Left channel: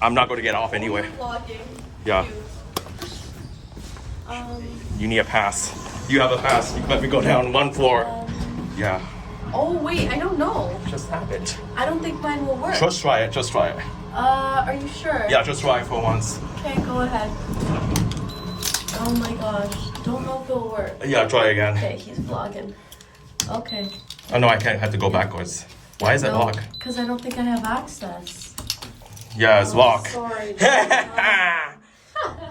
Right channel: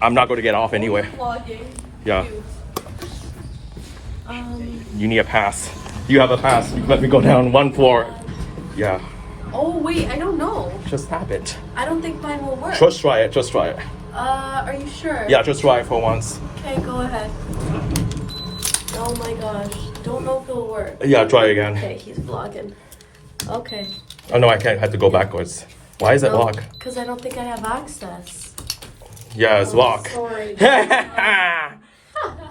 I'm not going to get off anyway. Vlogging. Yeah. You need a pass. You have a pass. Let me go down one floor. Yeah. Oh wait, I don't know. Just have it. I don't think mine will work. Just try it. Just try it. Are you sure? Yeah, just try it for once. Okay, go ahead. Oh my gosh. Don't know if it'll work. Yeah, try again. Okay, he's vlogging. Okay. Oh no, I can't. I have to go backwards. Why is it locked? Because I don't think I have access. Yeah, it's locked. Sorry.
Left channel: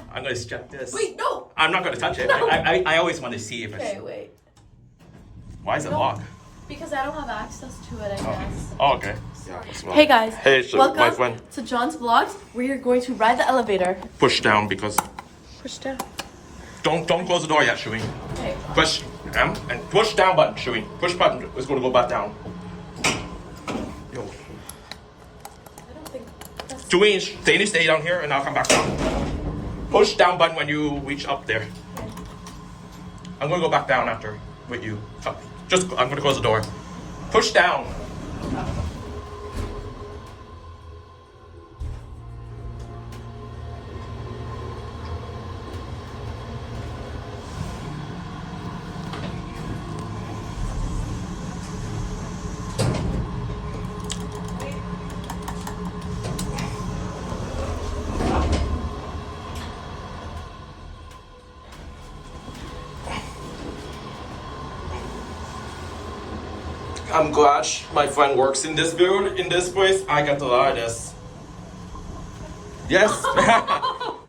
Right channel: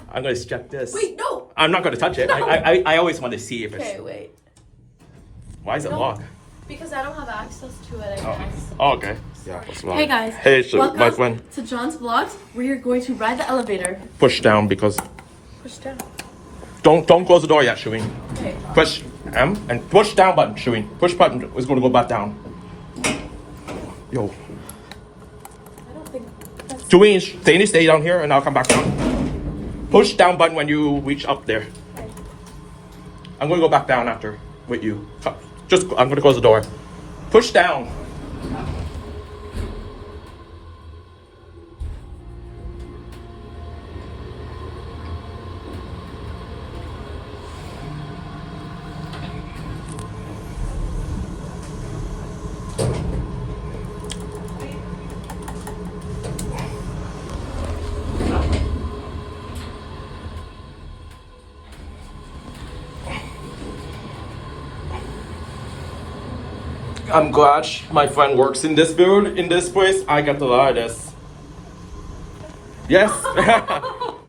I'm gonna check this. Wait, no. I'm not gonna touch it. No. I always want to see if it's. Okay, wait. Why is it locked? Because I don't have access to it, I guess. Oh, okay. Yeah, what's wrong? Hey guys. Hey, so Welcome my friend. to John's vlog. We're going to ride the elevator. Push down because. Push down. Don't close the door yet, Shuin. Okay. Push M and push down button, Shuin. Push button is gonna go back down. Yo. I don't think that's... Shuin, stay down here and I'll come back down. Push down button when you reach up there. I'm gonna go back down after with you. I'm gonna close the door. Push down. I'm glad my friend works in this build, in this place. I got a lot of this. Yes.